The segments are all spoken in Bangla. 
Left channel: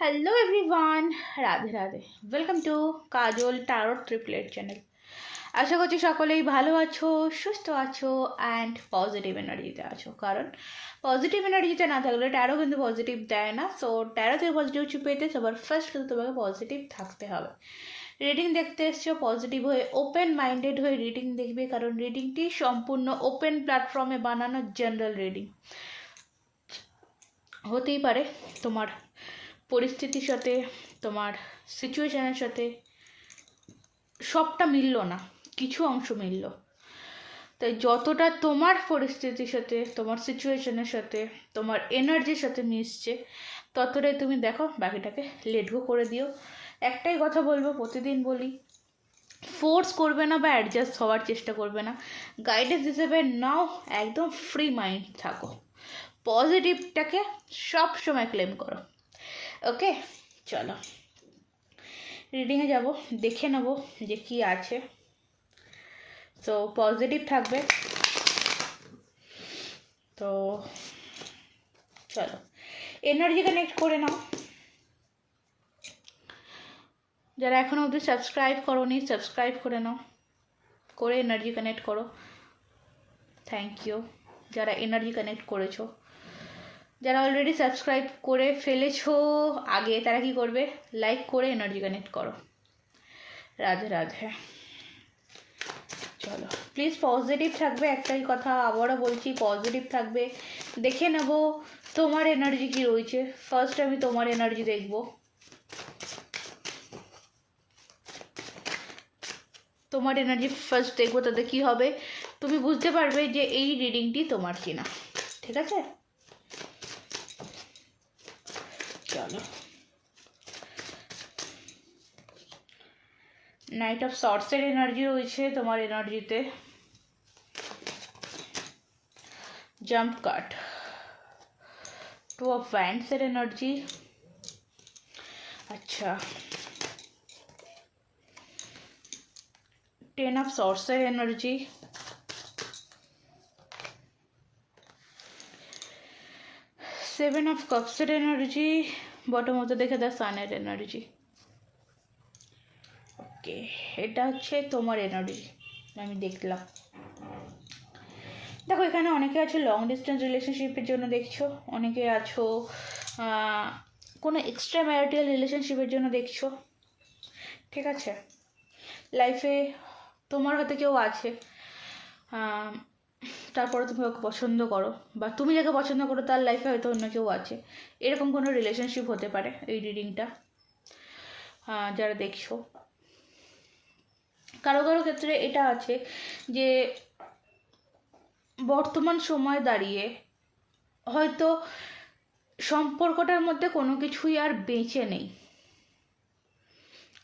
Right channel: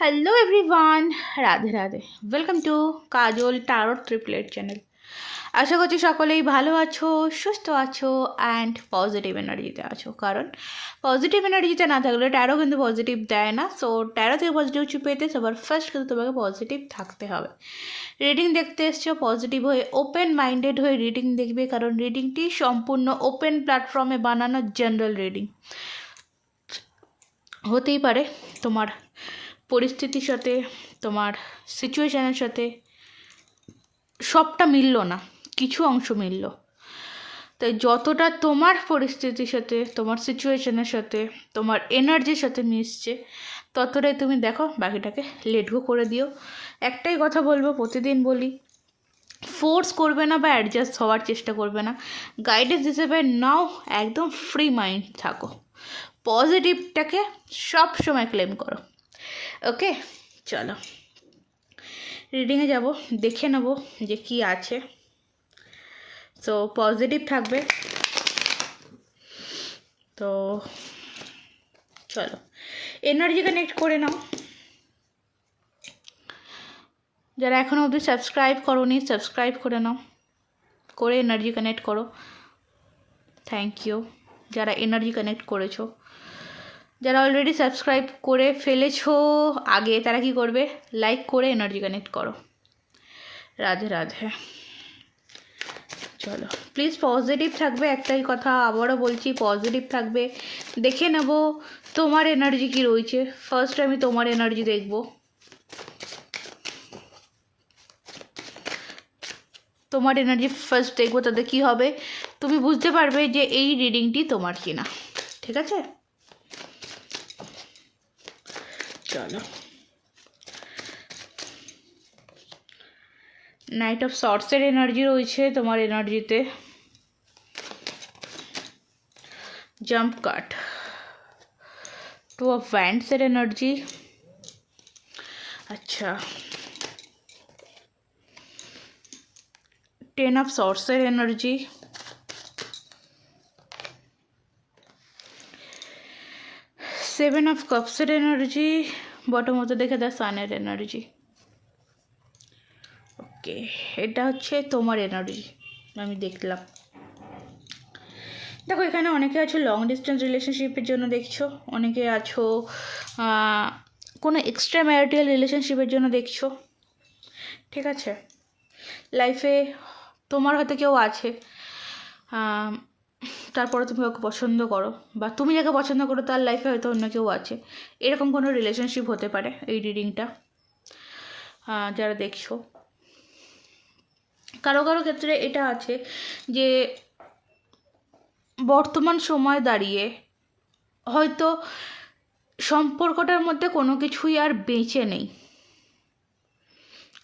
Hello everyone Radhe Radhe welcome to Kajal tarot triplet channel আশা করছি সকলেই ভালো আছো, সুস্থ আছো অ্যান্ড পজিটিভ এনার্জিতে আছো। কারণ পজিটিভ এনার্জিতে না থাকলে ট্যারো কিন্তু পজিটিভ দেয় না। সো ট্যারো থেকে পজিটিভ পেতে সবার ফার্স্ট কিন্তু তোমাকে পজিটিভ থাকতে হবে। রিডিং দেখতে এসছো পজিটিভ হয়ে ওপেন মাইন্ডেড হয়ে রিডিং দেখবে। কারণ রিডিংটি সম্পূর্ণ ওপেন প্ল্যাটফর্মে বানানো জেনারেল রিডিং হতেই পারে তোমার পরিস্থিতির সাথে, তোমার সিচুয়েশানের সাথে সবটা মিললো না, কিছু অংশ মিলল। তাই যতটা তোমার পরিস্থিতির সাথে, তোমার সিচুয়েশনের সাথে, তোমার এনার্জির সাথে মিশছে, ততটাই তুমি দেখো বাকিটাকে লেট গো করে দিও। একটাই কথা বলব, প্রতিদিন বলি ফোর্স করবে না বা অ্যাডজাস্ট হওয়ার চেষ্টা করবে না। গাইডেন্স হিসেবে নাও, একদম ফ্রি মাইন্ড থাকো। পজিটিভটাকে সব সময় ক্লেম করো। ওকে, চলো। রিডিংয়ে যাব, দেখে নেব যে কি আছে। তো পজিটিভ থাকবে। তো, চলো। এনার্জি কানেক্ট করে নাও। যারা এখনও অবধি সাবস্ক্রাইব করোনি সাবস্ক্রাইব করে নাও। করে এনার্জি কানেক্ট করো। থ্যাংক ইউ যারা এনার্জি কানেক্ট করেছ। যারা অলরেডি সাবস্ক্রাইব করে ফেলেছো আগে, তারা কি করবে? লাইক করে এনার্জি কানেক্ট করো। রাধে রাধে। চলো প্লিজ পজিটিভ থাকবে, একটাই কথা আবারও বলছি পজিটিভ থাকবে। দেখে নেব তোমার এনার্জি কি রয়েছে। ফার্স্ট আমি তোমার এনার্জি দেখব। তোমার এনার্জি ফার্স্ট দেখব, তাতে কী হবে? তুমি বুঝতে পারবে যে এই রিডিংটি তোমার কিনা। ঠিক আছে? চলো নাইট অফ শর্টসের এনার্জি রয়েছে তোমার এনার্জিতে জাম্প কাট টু অফ ভ্যান্ডসের এনার্জি আচ্ছা টেন অফ শর্টসের এনার্জি সেভেন অফ কাপসের এনার্জি বটম হতে দেখে দ্য সানের এনার্জি ওকে এটা হচ্ছে তোমার এনার্জি আমি দেখলাম। দেখো, এখানে অনেকে আছো লং ডিস্টেন্স রিলেশনশিপের জন্য দেখছ, অনেকে আছো কোনো এক্সট্রা ম্যারিটাল রিলেশনশিপের জন্য দেখছ। ঠিক আছে? লাইফে তোমার হয়তো কেউ আছে তারপরে তুমি ওকে পছন্দ করো বা তুমি যাকে পছন্দ করো তার লাইফে হয়তো অন্য কেউ আছে। এরকম কোনো রিলেশনশিপ হতে পারে এই রিডিংটা যারা দেখছ। কারও কারও ক্ষেত্রে এটা আছে যে বর্তমান সময় দাঁড়িয়ে হয়তো সম্পর্কটার মধ্যে কোনো কিছুই আর বেঁচে নেই।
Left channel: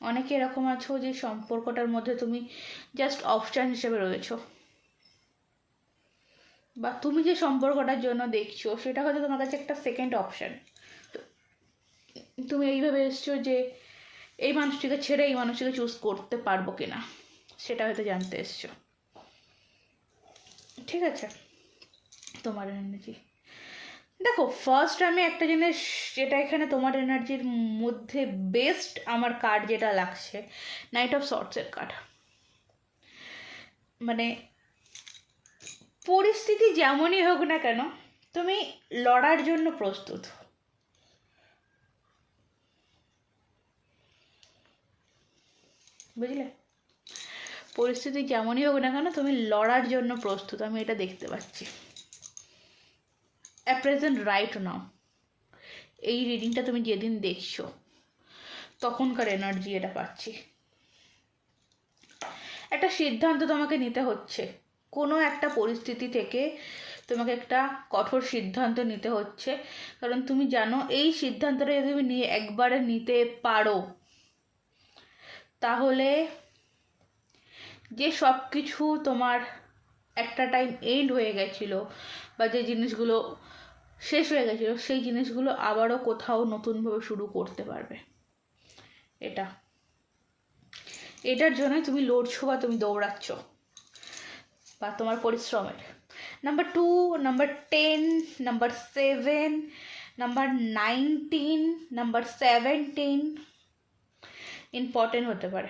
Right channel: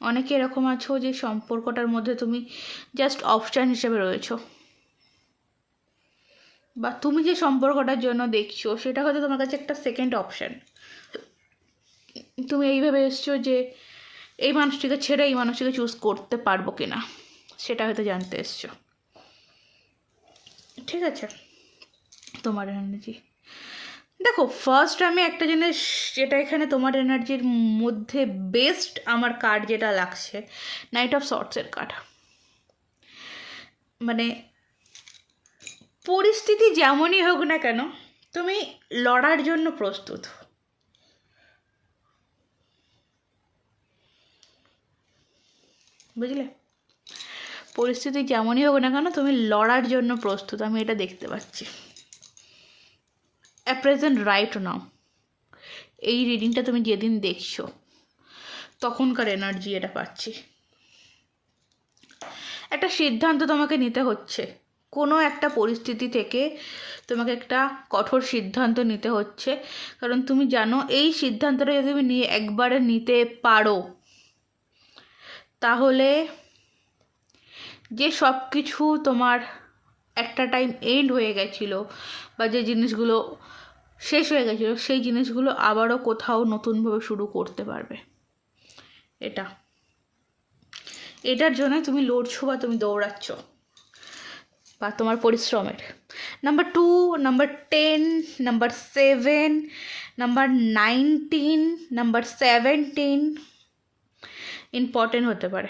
অনেকে এরকম আছো যে সম্পর্কটার মধ্যে তুমি জাস্ট অপশান হিসেবে রয়েছো। বা তুমি যে সম্পর্কটার জন্য দেখছ, সেটা হয়তো তোমার কাছে একটা সেকেন্ড অপশান তুমি এইভাবে এসছো যে এই মানুষটিকে ছেড়ে এই মানুষটিকে চুজ করতে পারব কিনা, সেটা হয়তো জানতে এসছো। ঠিক আছে? তোমার এনার্জি দেখো ফার্স্ট আমি একটা জিনিস যেটা এখানে তোমার এনার্জির মধ্যে বেস্ট আমার কার্ড যেটা লাগছে নাইট অফ শর্টসের কার্ড মানে পরিস্থিতি যেমনই হোক না কেন, তুমি লড়ার জন্য প্রস্তুত। বুঝলে? পরিস্থিতি যেমনই হোক না কেন, তুমি লড়ার জন্য প্রস্তুত। আমি এটা দেখতে পাচ্ছি। অ্যাট প্রেজেন্ট রাইট নাও এই রিডিংটা তুমি যেদিন দেখছ, তখনকার এনার্জি এটা পাচ্ছি। একটা সিদ্ধান্ত তোমাকে নিতে হচ্ছে। কোনো একটা পরিস্থিতি থেকে তোমাকে একটা কঠোর সিদ্ধান্ত নিতে হচ্ছে। কারণ তুমি জানো, এই সিদ্ধান্তটা যদি তুমি নিয়ে একবারে নিতে পারো, তাহলে যে সব কিছু তোমার একটা টাইম এন্ড হয়ে গেছিল বা যে জিনিসগুলো শেষ হয়ে গেছিল, সেই জিনিসগুলো আবারও কোথাও নতুনভাবে শুরু করতে পারবে। এটা। এটার জন্য তুমি লড়ছো বা তুমি দৌড়াচ্ছ। বা তোমার পরিশ্রমের। Number two number ten number seven number nineteen number seventeen important হতে পারে।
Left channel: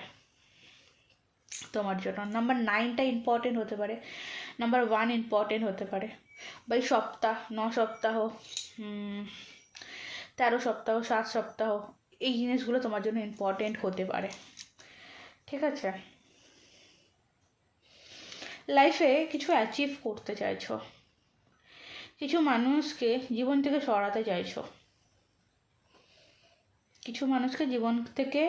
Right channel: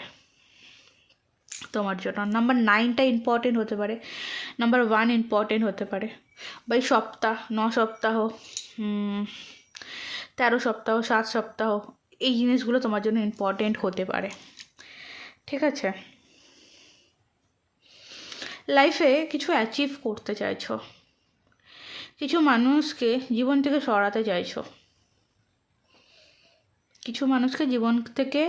তোমার জন্য। নাম্বার নাইনটা ইম্পর্টেন্ট হতে পারে। নাম্বার ওয়ান ইম্পর্টেন্ট হতে পারে। বা এই সপ্তাহ, ন সপ্তাহ তেরো সপ্তাহ, সাত সপ্তাহ এই জিনিসগুলো তোমার জন্য ইম্পর্টেন্ট হতে পারে। ঠিক আছে? লাইফে কিছু অ্যাচিভ করতে চাইছো? কিছু মানুষকে জীবন থেকে সরাতে চাইছো? কিছু মানুষকে জীবন থেকে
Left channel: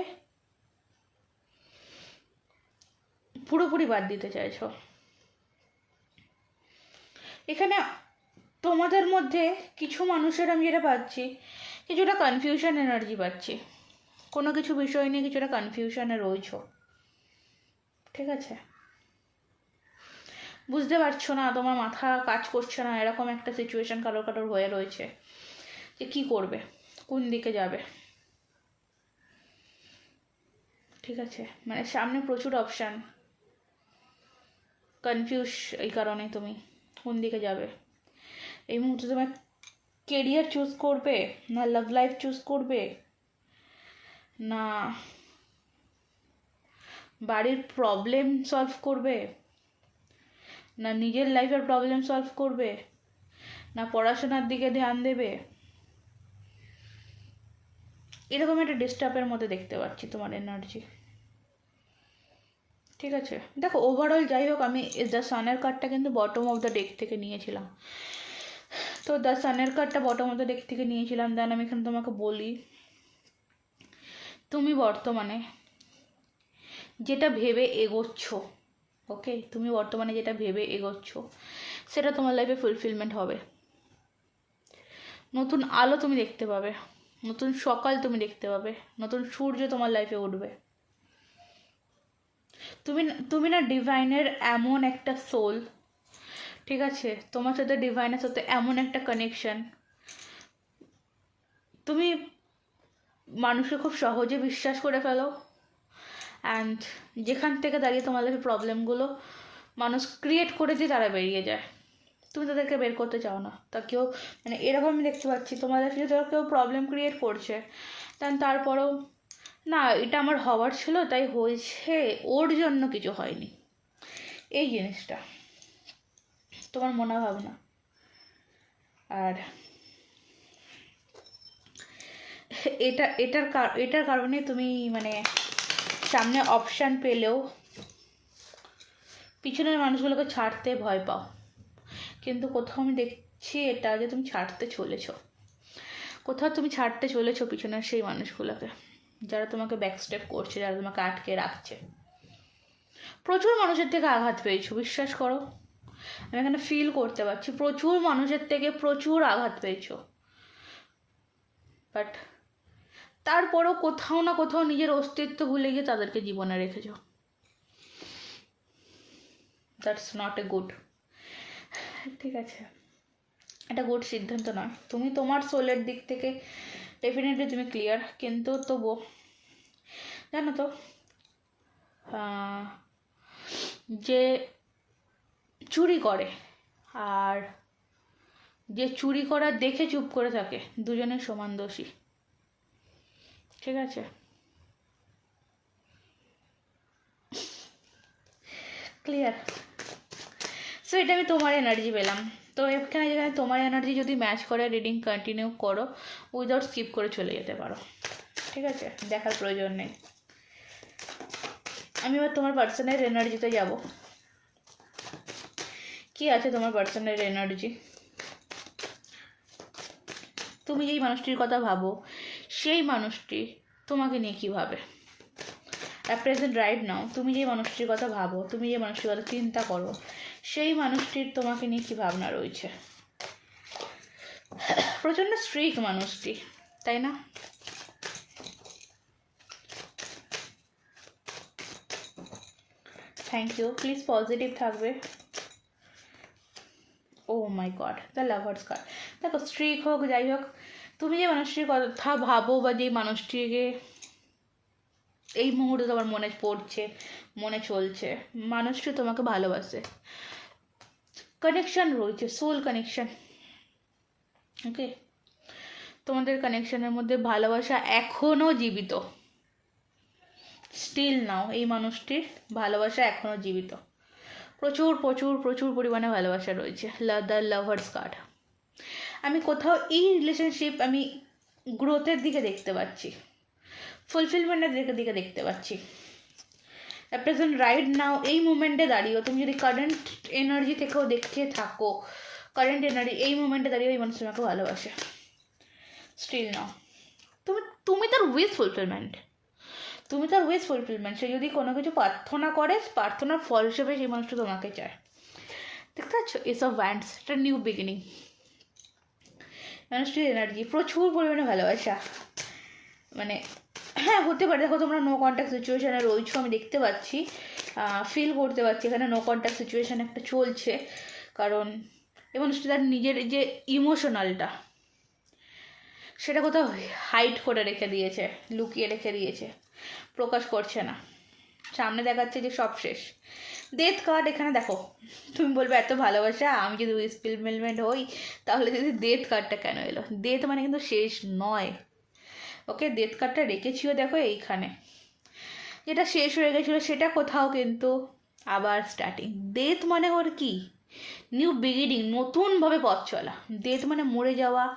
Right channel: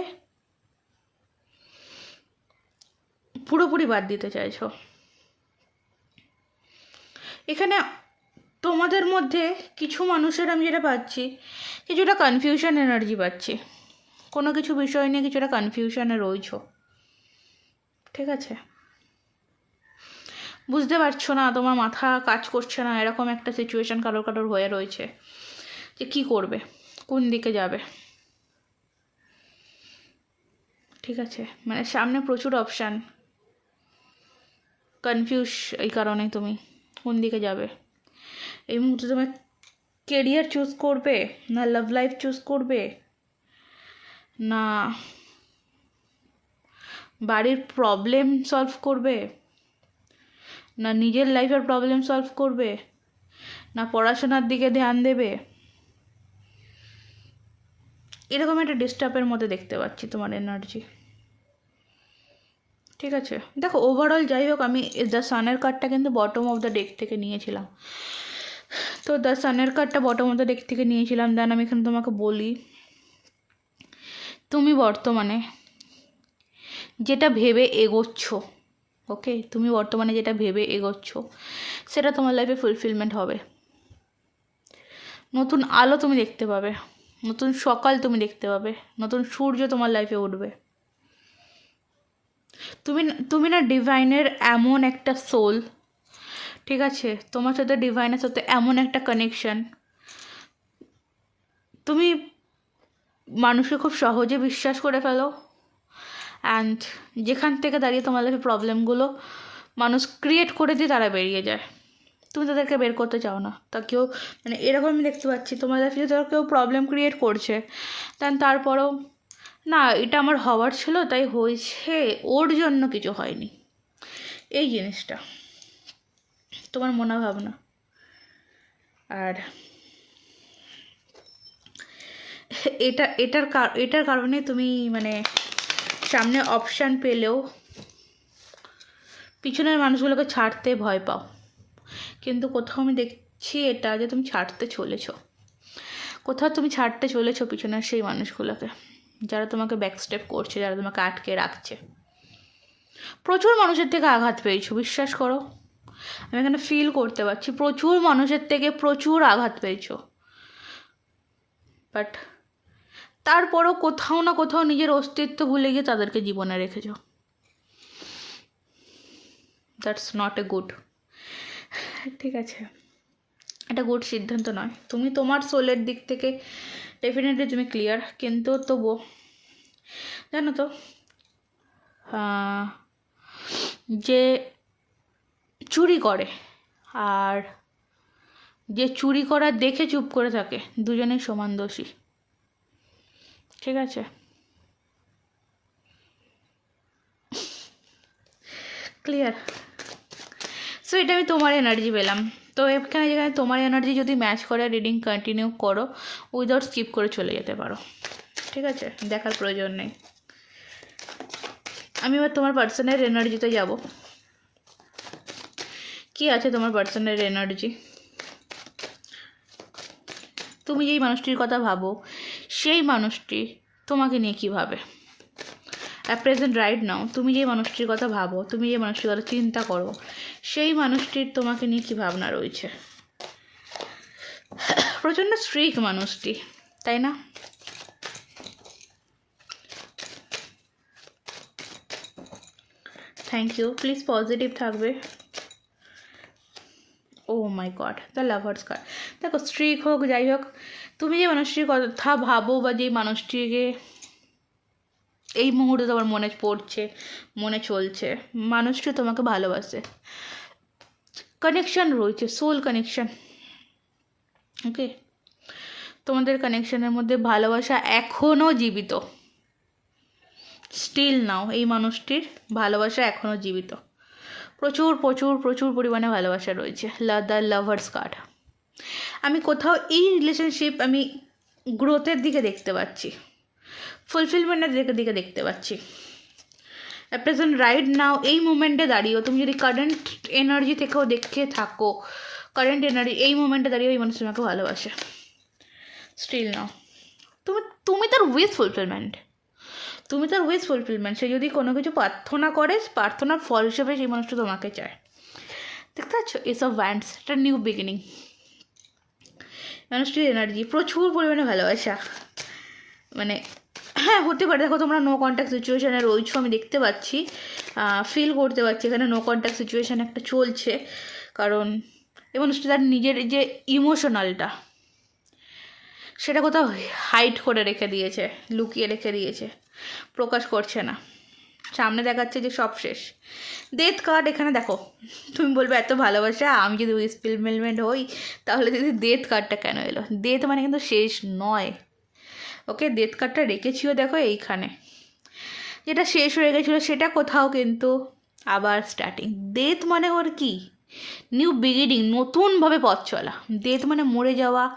পুরোপুরি বাদ দিতে চাইছো? এখানে তোমাদের মধ্যে কিছু মানুষের আমি যেটা পাচ্ছি, কিছুটা কনফিউশন এনার্জি পাচ্ছি। কোনো কিছু বিষয় নিয়ে কিছুটা কনফিউশনে রয়েছো। ঠিক আছে? বুঝতে পারছ না, তোমার মাথা কাজ করছে না, এরকম একটা সিচুয়েশন কারোর কারোর হয়ে রয়েছে। যে কী করবে? কোন দিকে যাবে? ঠিক আছে মানে সামনে প্রচুর অপশান কনফিউজ এই কারণে তুমি, কোন দিকে যাবে? এই মুহূর্তে তোমার কেরিয়ার চুজ করবে না লাভ লাইফ চুজ করবে? না, বাড়ির প্রবলেম সলভ করবে? না নিজের লাইফের প্রবলেম সলভ করবে? না পড়াশোনার দিকে ধ্যান দেবে? এরকম একটা ডিস্টার্বের মধ্যে দেখতে পাচ্ছি তোমার এনার্জি ঠিক আছে? দেখো ওভারঅল যাই হোক, আমি দ্য সানের কার্ডটা কিন্তু বটম অফ দ্য ডেক থেকে নিয়েছিলাম। তো দ্য সানের কার্ডটা বটম অফ দ্য ডেক থেকে নিয়েছিলাম। দেন আমি এখানে তোমাকে বলি, তুমি বর্তমানে যেটা ভেবে এগোচ্ছ ওকে? তুমি বর্তমানে যেটা ভেবে এগোচ্ছ, সেটা তোমার লাইফে ফুলফিলমেন্ট হবে। নতুন আলো তুমি দেখতে পাবে, নতুন সকাল তুমি দেখতে পাবে, নতুন সূর্য তোমার লাইফে উঠবে। তুমি তুমি না ডিভাইনের এমন একটা সোল ঠিক আছে? তোমার সাথে ডিভাইনের সাথে এমন একটা কানেকশন তুমি মানুষকে খুব সহজে বিশ্বাস করে ফেলো অ্যান্ড যেখান থেকে দাঁড়িয়ে তোমার লাইফে প্রবলেমগুলো মানুষ ক্রিয়েট করে দিয়ে তারা বেরিয়ে যায়। তুমি তাদেরকে বের করতে চাও না। তা কেউ মানে এরকম আমি দেখতে পাচ্ছি তোমার লাইফে যদি কেউ প্রবলেম ক্রিয়েট করছে। দেন তারপরেও, না, এটা আমার হওয়ার ছিল, তাই হয়েছে, ওর জন্য কিছু হয়নি। এই জিনিসটা। তোমার মনে ভাবনা? আর এটা, এটার এটার কারণে তুমি মানে সামনে অপশান পেলেও পিছনের মানুষগুলোকে ছাড়তে ভয় পাও। কিন্তু কোথাও আমি দেখছি এটা যে তুমি ছাড়তে চলেছ। কোথাও তুমি ছাড়তে চলেছো পিছনের সেই মানুষগুলোকে, যারা তোমাকে ব্যাক স্টেপ করছে, যারা তোমাকে আটকে রাখছে। প্রচুর মানুষের থেকে আঘাত পেয়েছ, বিশ্বাস করো। আমি এখানে ফিল করতে পারছি, প্রচুর মানুষের থেকে প্রচুর আঘাত পেয়েছ। বাট তারপরও কোথাও না কোথাও নিজের অস্তিত্ব ভুলে গিয়ে তাদেরকে জীবনে রেখেছ। দ্যাটস নট এ গুড ঠিক আছে। এটা গুড সিদ্ধান্ত নয়। তুমি তোমার সোলের দিক থেকে ডেফিনেটলি তুমি ক্লিয়ার কিন্তু তবুও জানো তো যে চুরি করে আর যে চুরি করা দেখে চুপ করে থাকে, দুজনেই সমান দোষী। ঠিক আছে। ক্লিয়ার সো এটা আমি তোমার এনার্জি পেলাম। তো এখানে যেখানে তোমার এনার্জি যদি ম্যাচ করে রিডিং কন্টিনিউ করো উইদাউট স্কিপ করে চলে যেতে পারো। ঠিক আছে? দেখার প্রয়োজন নেই। আমি এবার তোমার পার্সনের এনার্জিতে যাব। কি আছে তোমার পার্সনের এনার্জি তুমি যেই মানুষটির কথা ভাবো সেই মানুষটি তোমাকে নিয়ে কী ভাবে অ্যাট প্রেজেন্ট রাইট নাও তুমি যে মানুষটির কথা ভাবো, তুমি যে মানুষটির কথা চিন্তা করো, সেই মানুষটির তোমাকে নিয়ে কী ভাবনা রয়েছে? প্রচণ্ড স্ট্রিক মানুষটি, তাই না? থ্যাংক ইউ প্লিজ পজিটিভ থাকবে। ও my god the lovers card দেখো স্ট্রিক হোক, যাই হোক তুমি যে মানুষটির কথা ভাবো বা যেই মানুষটিকে এই মুহূর্তে তোমার মনে পড়ছে, মনে চলছে, মানুষটি তোমাকে ভালোবাসে। কানেকশন রয়েছে সোল কানেকশন ওকে তোমাদের কানেকশনের মধ্যে ভালোবাসা এখনও জীবিত। স্টিল নাও এই মানুষটির ভালোবাসা এখনও জীবিত। প্রচুর প্রচুর প্রচুর পরিমাণে ভালোবাসা রয়েছে। দ্য লাভার্স কার্ড আমি কোথাও এই রিলেশনশিপ আমি গ্রোথের দিকে দেখতে পাচ্ছি। ফুলফিলমেন্টের দিকে দেখতে পাচ্ছি। প্রেজেন্ট রাইট নাও এই মুমেন্টে দাঁড়িয়েও তুমি যদি কারেন্ট এনার্জি থেকেও দেখে থাকো কারেন্ট এনার্জি এই মুমেন্টে দাঁড়িয়ে এই মানুষ তোমাকে ভালোবাসে। স্টিল নাও তুমি তুমি তার উইথ ফুলফিলমেন্ট তুমি তার উইথ ফুলফিলমেন্ট সে যদি কোনো কিছু প্রার্থনা করে, প্রার্থনার ফল হিসেবে সেই মানুষটা তোমাকে চায়। দেখতে পাচ্ছ? এসব ভ্যান্ডস একটা নিউ বিগিনিং মানুষটির এনার্জি প্রচুর পরিমাণে ভালোবাসা। মানে হ্যাঁ হতে পারে। দেখো, তোমরা নো কন্ট্যাক্ট সিচুয়েশানে রয়েছো আমি দেখতে পাচ্ছি। ফিল করতে পারছি। এখানে নো কন্ট্যাক্ট সিচুয়েশান একটা চলছে। কারণ, এই মানুষটি তার নিজের যে ইমোশনালটা সেটা কোথাও হাইড করে রেখে দিয়েছে, লুকিয়ে রেখে দিয়েছে। প্রকাশ করছে না। সামনে দেখাচ্ছে যে সব শেষ। ডেথ কার্ড এখানে দেখো, তুমি বলবে এত ভালোবাসা, আমি যদি উইসপিলমেলমেন্ট হই, তাহলে যদি ডেথ কার্ডটা কেন এলো? ডেথ মানে কিন্তু শেষ নয়। ওকে ডেথ কার্ডটা রেখেছিও দেখো এইখানে। যেটা শেষ হয়ে গেছিল সেটা কোথাও কিন্তু আবার স্টার্টিং ডেথ মানে ওর কি? নিউ বিগিনিং নতুনভাবে পথ চলা। ডেথ মানে মরে যাওয়া,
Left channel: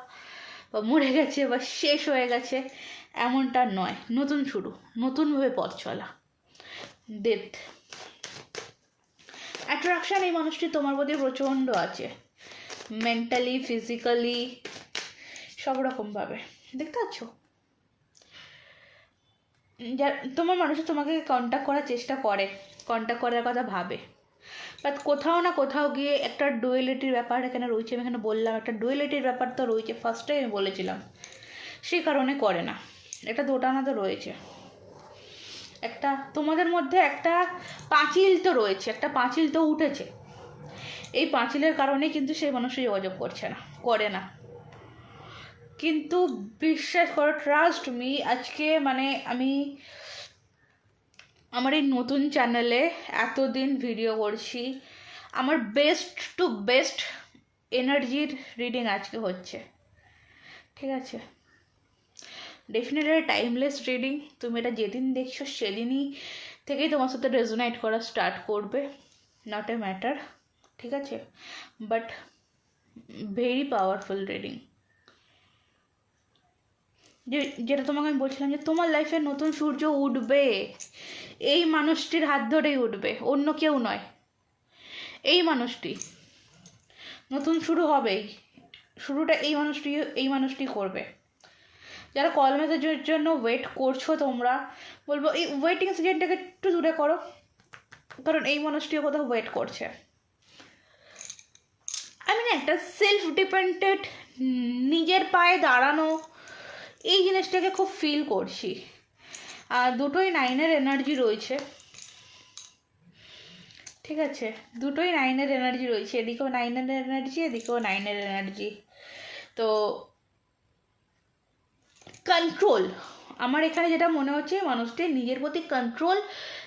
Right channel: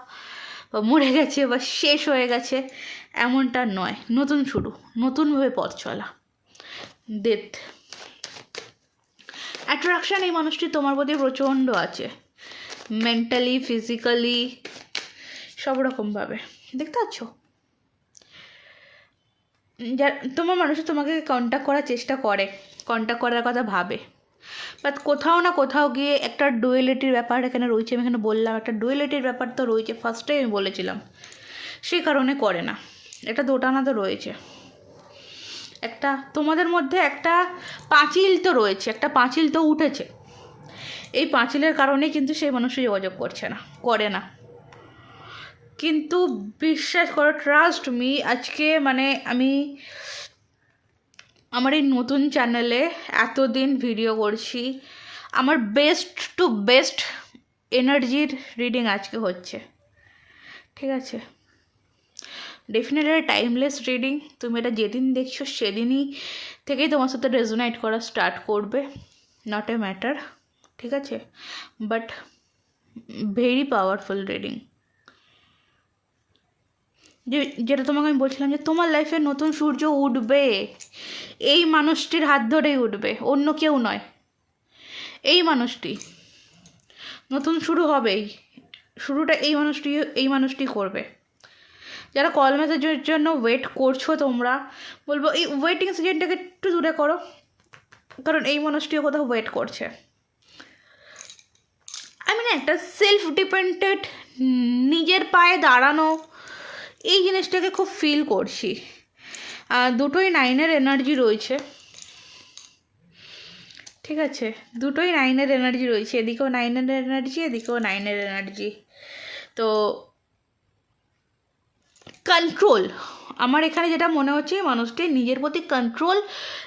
বা মরে গেছে, বা শেষ হয়ে গেছে, এমনটা নয়। নতুন শুরু, নতুনভাবে পথ চলা। ডেথ অ্যাট্রাকশান এই মানুষটি তোমার প্রতি প্রচণ্ড আছে। মেন্টালি ফিজিক্যালি সব রকমভাবে দেখতে পাচ্ছ? যা তোমার মানুষ তোমাকে কন্ট্যাক্ট করার চেষ্টা করে। কন্ট্যাক্ট করার কথা ভাবে। বাট কোথাও না কোথাও গিয়ে একটা ডুয়েলিটির ব্যাপার এখানে রয়েছে। আমি এখানে বললাম, একটা ডুয়েলিটির ব্যাপার তো রয়েছে। ফার্স্টেই আমি বলেছিলাম। সেই কারণে করে না। একটা দোটানা তো রয়েছে। একটা, তোমাদের মধ্যে একটা পাঁচিল তো রয়েছে, একটা পাঁচিল তো উঠেছে। এই পাঁচিলের কারণে কিন্তু সেই মানুষও যোগাযোগ করছে না, করে না। কিন্তু বিশ্বাস করো ট্রাস্ট মি আজকে মানে আমি আমার এই নতুন চ্যানেলে এতদিন ভিডিও করছি, আমার বেস্ট টু বেস্ট এনার্জির রিডিং আজকে হচ্ছে। ঠিক আছে? ডেফিনেটলি টাইমলেস রিডিং তুমি এটা যেদিন দেখছ, সেদিনই থেকেই তোমার সাথে রেজোনাইট করা স্টার্ট করবে। নট এ ম্যাটার ঠিক আছে? বাট ভেরি পাওয়ারফুল রিডিং যে, যেটা তোমাকে আমি বলছিলাম যে, তোমার লাইফে নতুন সূর্য উঠবে। এই মানুষটির হাত ধরেই উঠবে, অন্য কেউ নয়। এই মানুষটি। নতুন শুরু হবেই। শুরুটা এই মানুষটি এই মানুষটি করবে। যারা কল মেসেজের জন্য ওয়েট করছ তোমরা, বলব এই ওয়েটিং সিজনটাকে একটু দূরে করো, কারণ এই মানুষটিও কোথাও ওয়েট করছে। আমি না একটা সেলফ ডিপেন্ডেন্ট নিজের পায়ে দাঁড়ানো, এই জিনিসটাকে খুব ফিল করছি। আর দুটোই নাইনের এনার্জি রয়েছে। ঠিক আছে? দুটোই নাইনের এনার্জি রয়েছে। এদিকেও নাইনের এনার্জি এদিকেও নাইনের এনার্জি তো কন্ট্রোল আমার এখানে যেটা মনে হচ্ছে মানুষটির নিজের প্রতি কন্ট্রোল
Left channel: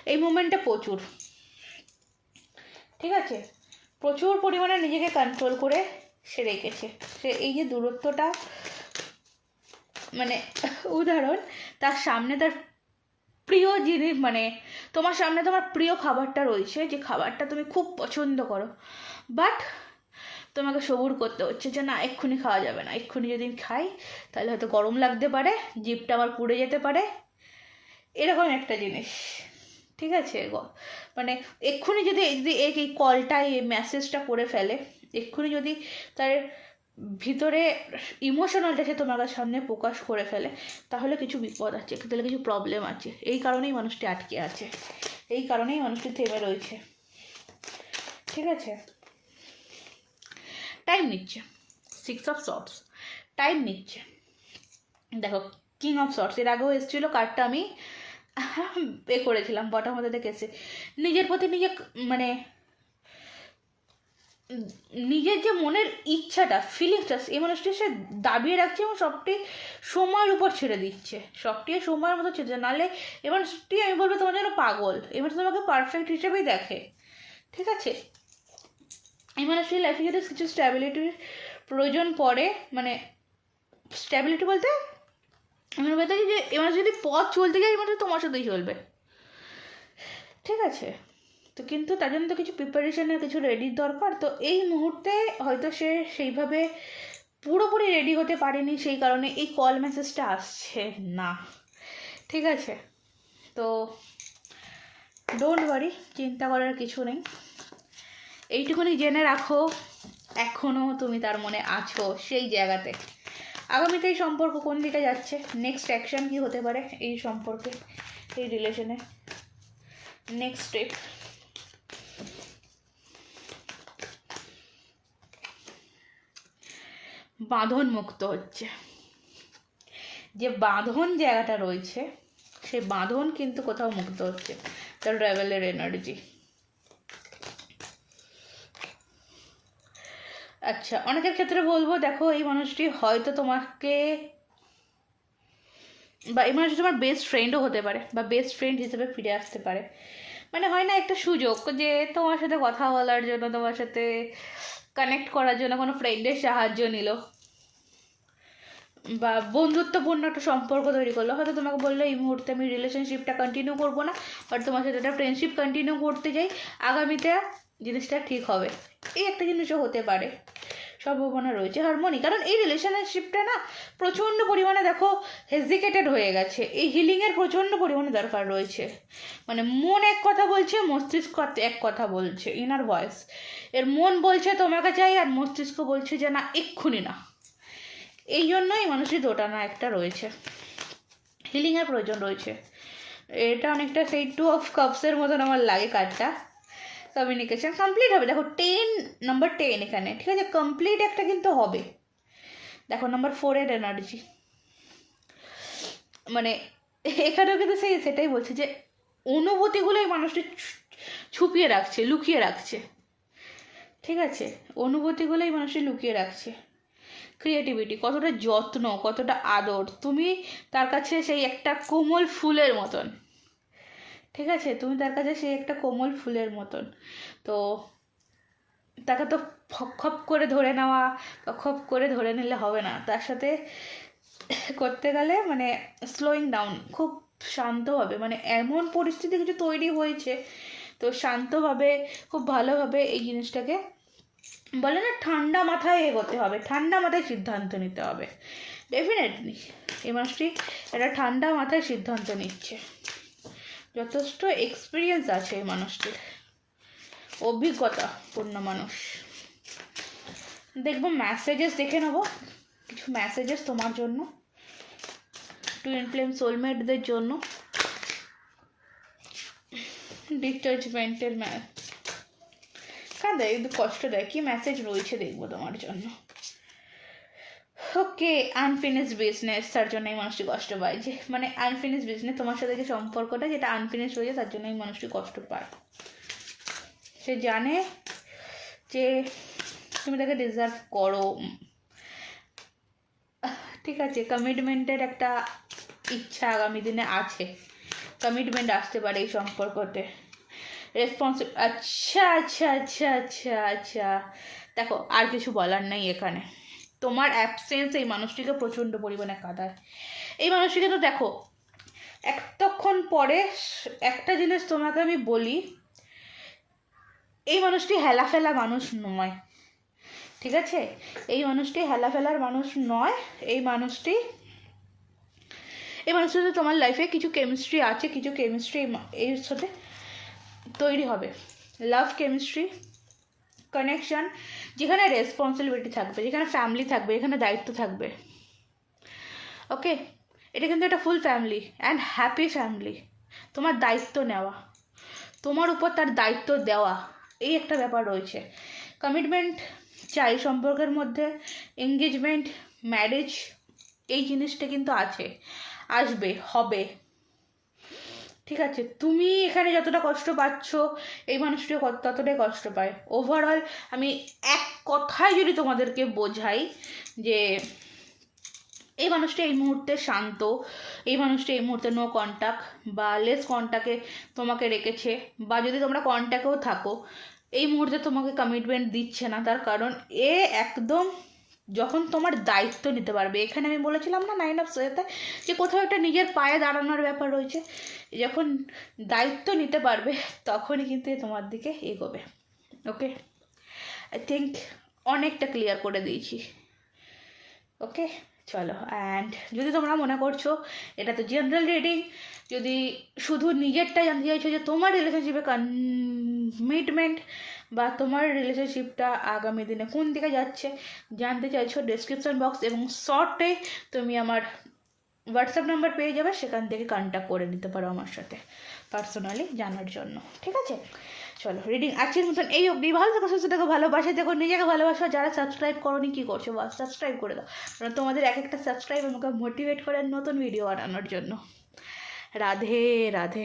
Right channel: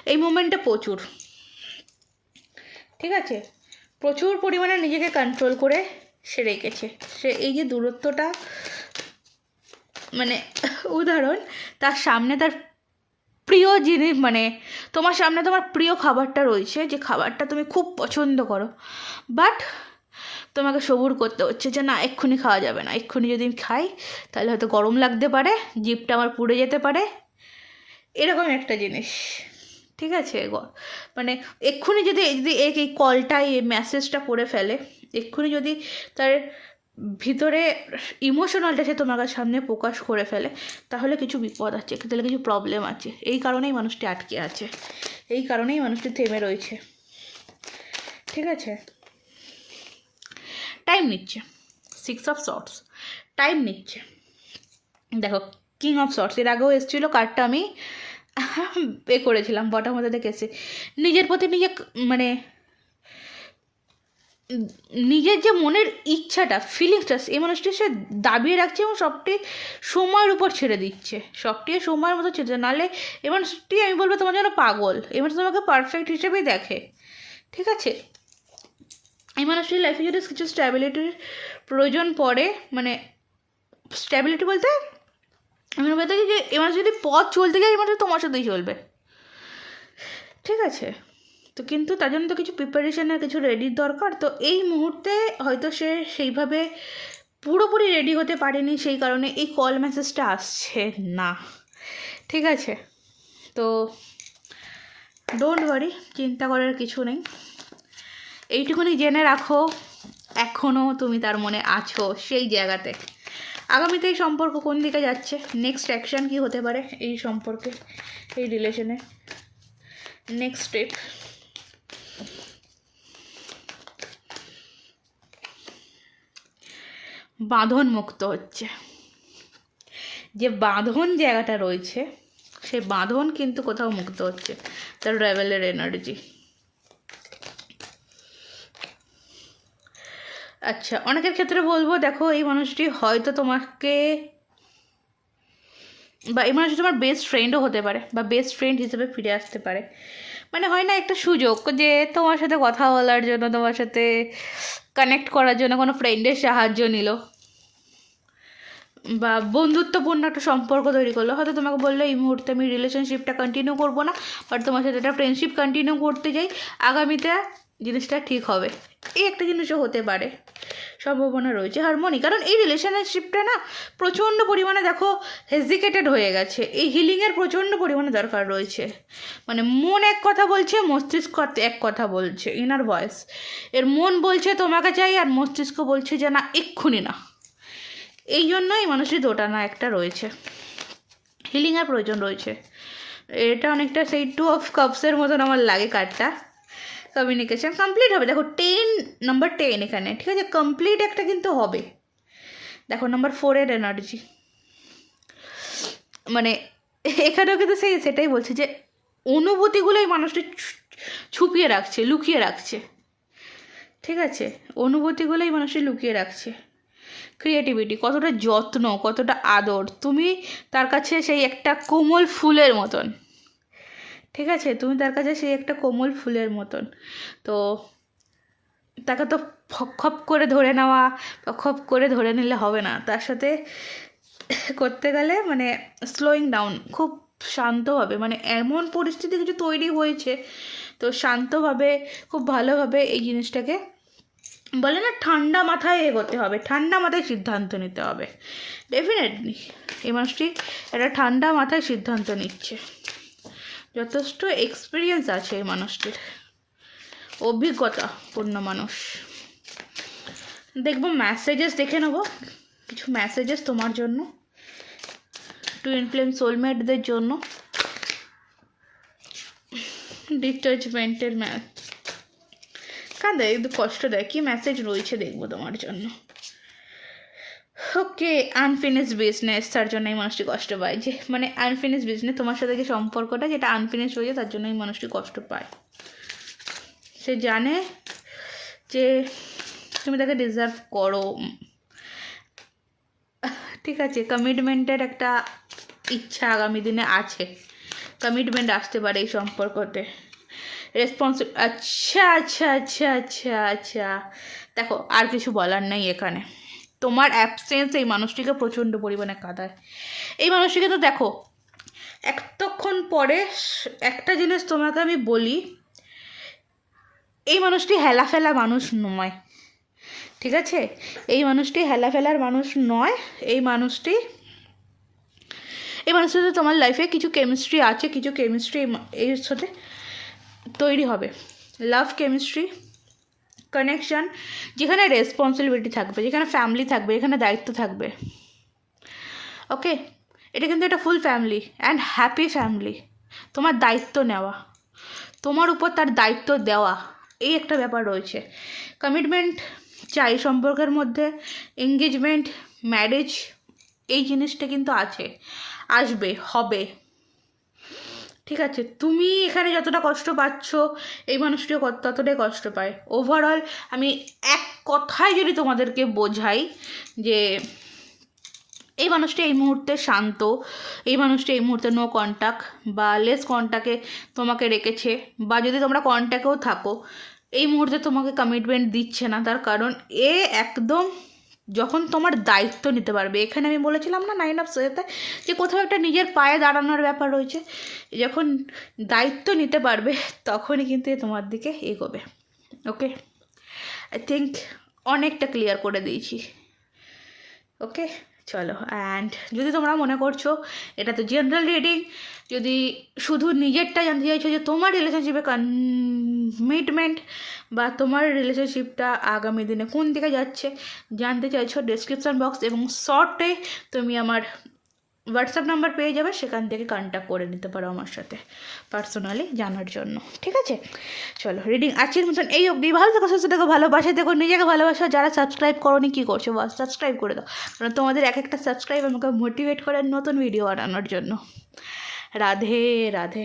এই মুমেন্টে প্রচুর। ঠিক আছে? প্রচুর পরিমাণে নিজেকে কন্ট্রোল করে সে রেখেছে। সে এই যে দূরত্বটা মানে উদাহরণ, তার সামনে তার প্রিয় জিনিস মানে তোমার সামনে তোমার প্রিয় খাবারটা রয়েছে, যে খাবারটা তুমি খুব পছন্দ করো। বাট তোমাকে সবুর করতে হচ্ছে যে না, এক্ষুনি খাওয়া যাবে না। এক্ষুনি যদি খাই, তাহলে হয়তো গরম লাগতে পারে জিপটা আমার পুড়ে যেতে পারে। এরকম একটা জিনিস। ঠিক আছে? মানে এক্ষুনি যদি যদি এই কলটা, এই মেসেজটা করে ফেলে, এক্ষুনি যদি তার ভিতরে ইমোশনালটা সে তোমার সামনে প্রকাশ করে ফেলে, তাহলে কিছু বিপদ আছে, তাহলে কিছু প্রবলেম আছে। এই কারণেই মানুষটি আটকে আছে। এই কারণেই মানুষটি থেমে রয়েছে। ঠিক আছে? টাইম নিচ্ছে সিক্স অফ শর্টস টাইম নিচ্ছে দেখো কিং অফ শর্টস এর আগেও এসেছিল কার্ডটা আমি এ করেছিলাম বটার মধ্যে দেখেছি নিজের প্রতি নিজে মানে নিজের যে মনের ইচ্ছাটা ফিলিংসটা এই মানুষটি সে দাবিয়ে রাখছে এবং সবটি সময়ের উপর ছেড়ে দিচ্ছে। সবটি সময়ের মতো ছেড়ে নাহলে এই মানুষটি, আমি বলব তোমার যেন পাগল। এই মানুষ তোমাকে পারফেক্ট হিসেবেই দেখে। ঠিক আছে? এই মানুষটির লাইফে যদি কিছু স্ট্যাবিলিটির প্রয়োজন পড়ে মানে স্ট্যাবিলিটি বলতে আমি বলতে যে মানুষ যদি পথ চলতে এই মানুষ তোমার সাথেই চলবে। ঠিক আছে? তো কিন্তু তার জন্য তো কিছু প্রিপারেশনের কিছু রেডির দরকার। তো এই মুহূর্তে হয়তো সে সেইভাবে পুরোপুরি রেডি হতে পারেনি, সেই কারণে এই কল মেসেজটা আসছে না। ঠিক আছে? তো ডোন্ট ওয়ারি চিন্তা করার কিছু নেই। এইটুকুনি জেনে রাখো এখনও তুমি তার মনে আছো সেই জায়গাতে। আগামীতে এই সম্পর্ক কোন দিকে যাচ্ছে? নেক্সট অ্যাকশন কি হতে পারে এই সম্পর্কে, এই রিলেশনে নেক্সট স্টেপ বাঁধন মুক্ত হচ্ছে। যে বাঁধন জায়গাটা রয়েছে, সেই বাঁধন কিন্তু কোথাও মুক্ত হচ্ছে, তার রেভেলের এনার্জি আচ্ছা অনেকের ক্ষেত্রে বলব, দেখো, এই মানুষটি হয়তো তোমাকে বা এই মানুষটি তোমার বেস্ট ফ্রেন্ডও হতে পারে বা বেস্ট ফ্রেন্ড হিসেবে ফিরে আসতে পারে। মানে হয় না একটা সুযোগ যে তোমার সাথে কথা বলার জন্য, তোমার সাথে কানেক্ট করার জন্য কোনো ফ্রেন্ডের সাহায্য নিল বা বন্ধুত্বপূর্ণ একটা সম্পর্ক তৈরি করল। হয়তো তোমাকে বলল, এই মুহূর্তে আমি রিলেশনশিপটা কন্টিনিউ করব না বাট তোমার সাথে একটা ফ্রেন্ডশিপ কন্টিনিউ করতে যাই। আগামীতে জিনিসটা ঠিক হবে। এই একটা জিনিসও হতে পারে। সম্ভাবনা রয়েছে। হারমোনি, কারণ এই রিলেশনশিপটা না প্রচণ্ড পরিমাণে দেখো হেজিকেটেড হয়ে গেছে। এই হিলিংয়ের প্রচণ্ড পরিমাণে দরকার রয়েছে। মানে মন এক কথা বলছে, মস্তিষ্ক এক কথা বলছে ইনার ভয়েস এর মন বলছে তোমাকে চাই, আর মস্তিষ্ক বলছে যে না, এক্ষুনি না। এই জন্যই মানুষের দোটানা একটা রয়েছে। হিলিংয়ের প্রয়োজন রয়েছে। এটা অনেকটা সেই টু অফ কাপসের মতন আমার লাগে কার্ডটা কমিউনিকেশন কমপ্লিট হবে। দেখো টেন নাম্বার টেন এখানে, ঠিক আছে? কমপ্লিট একটা কিন্তু হবে। দেখো নাম্বার ফোরের এনার্জি মানে এখানেও কিন্তু সেই, সেটাই বলছে যে, অনুভূতিগুলোই মানুষটি ছুপিয়ে রাখছে, লুকিয়ে রাখছে। ঠিক আছে? অনুভূতিগুলোই মানুষটি লুকিয়ে রাখছে। ক্রিয়েটিভিটি কতটা যত্ন, কতটা আদর, তুমি তার কাছে সেই একটা কোমল ফুলের মতন। ঠিক আছে? তুমি তার কাছে সেই একটা কোমল ফুলের মতন। তো তাকে তো খপ করে ধরে নেওয়া বা খপ করে ধরে নিলে হবে না। তার সাথে করতে গেলে মানে স্লোয়িং ডাউন খুব শান্তভাবে মানে এমন পরিস্থিতি কিছু তৈরি হয়েছে, তো শান্তভাবে, খুব ভালোভাবে এই জিনিসটাকে বলে না ঠান্ডা মাথায় এগোতে হবে। ঠান্ডা মাথায় সিদ্ধান্ত নিতে হবে। ডেফিনেটলি এই মানুষটি একটা ঠান্ডা মাথায় সিদ্ধান্ত নিচ্ছে। যথেষ্ট এক্সপিরিয়েন্স আছে এই মানুষটির। অভিজ্ঞতা, পূর্ণ মানুষ। দেখব ম্যাসেজেস দেখে নেব। কিছু মেসেজেস তোমার জন্য। টুইন ফ্লেম সোলমেটদের জন্য। ডিটাচমেন্টের ম্যাচ কাঁদে কষ্ট দেয়। কি মেসেজ রয়েছে দেখব তোমার জন্য। ওকে আনফিনিশ বিজনেস তার জন্য এই মানুষটি কষ্ট পায়। যে মানে আনফিনিশ বিজনেস তোমার সাথে যে সম্পর্কটা, যেটা আনফিনিশ হয়েছে তার জন্য এই মানুষটি কষ্ট পায়। সে জানে যে, তুমি তাকে ডিজার্ভ করো। ঠিক আছে কমিটমেন্টের একটা ইচ্ছা আগামী দিনে আছে। কমিটমেন্ট আসতে পারে এই সম্পর্কতে। রেসপন্সিব আচ্ছা আচ্ছা আচ্ছা আচ্ছা আচ্ছা। দেখো, আর কিছু বলার নেই এখানে। তোমার অ্যাবসেন্স এই মানুষটিকে প্রচণ্ড পরিমাণে কাঁদায়। এই মানুষটিকে তো দেখো, এতক্ষণ পরে একটা জিনিস তোমাকে আমি বলি, এই মানুষটি হেলাফেলা মানুষ নয়, ঠিক আছে? এই মানুষটি হেলাফেলার মানুষ নয়, এই মানুষটি, এই মানুষের সাথে তোমার লাইফে কিছু কেমিস্ট্রি আছে, কিছু কেমিস্ট্রি এর সাথে তৈরি হবে। লাভ কেমিস্ট্রি কানেকশন যেখানে রেসপন্সিবিলিটি থাকবে, যেখানে ফ্যামিলি থাকবে যেখানে দায়িত্ব থাকবে। ওকে এটা কিন্তু একটা full family and happy family তোমার দায়িত্ব নেওয়া। তোমার উপর তার দায়িত্ব দেওয়া। এই একটা ব্যাপার রয়েছে। কমিটমেন্ট চাই সম্পর্কের মধ্যে। এঙ্গেজমেন্ট ম্যারেজ এই জিনিসটা কিন্তু আছে। আসবে, হবে। ঠিক আছে, তুমি এখানে যতটা কষ্ট পাচ্ছ, এই মানুষটিও ততটাই কষ্ট পায়। ওভারঅল আমি এক কথায় যদি তোমাদেরকে বোঝাই যে, এই মানুষটি এই মুহূর্তে শান্ত, এই মানুষটি এই মুহূর্তে নো কন্ট্যাক্ট বা লেস কন্ট্যাক্টে তোমাকে রেখেছে বা যদি তোমরা কন্ট্যাক্টেও থাকো, এই মুহূর্তে তোমাকে কমিটমেন্ট দিচ্ছে না, তার কারণ এ একদম যখন তোমার দায়িত্ব নিতে পারবে। এখানে আমি বলেছিলাম না নাইন অফ সোয়েতে যে কোথাও একটা নিজের পায়ে দাঁড়ানোর ব্যাপার রয়েছে। যখন দায়িত্ব নিতে পারবে, তখনই কিন্তু তোমার দিকে এগোবে। ওকে আই থিঙ্ক অনেকটা ক্লিয়ার করে দিয়েছি। ওকে চলো অ্যান্ড যদি তোমরা মনে করছ, এটা তো জেনারেল রিডিং যদি শুধু নিজেরটা জানতে চাইছো যে তোমার রিলেশনশিপে কমিটমেন্ট বা তোমার রিলেশনশিপটা আগামী দিনে কোন দিকে যাচ্ছে, জানতে চাইছো ডেসক্রিপশন বক্স এবং শর্টে তুমি আমার হোয়াটসঅ্যাপ নাম্বার পেয়ে যাবে, সেখান থেকে কন্ট্যাক্ট করে নিতে পারো আমার সাথে পার্সোনালি জানার জন্য, ঠিক আছে? চলো রিডিং আজকের মতন এই অবধি। ভালো থাকো, সুস্থ থাকো, ভালোবাসে দেখো নিজেকে ভালোবাসো। যারা সাবস্ক্রাইব করোনি, কী করছ? বাস সাবস্ক্রাইব করে দাও। কারণ তোমাদের এক একটা সাবস্ক্রাইব আমাকে মোটিভেট করে নতুন ভিডিও বানানোর জন্য। রাধে রাধে।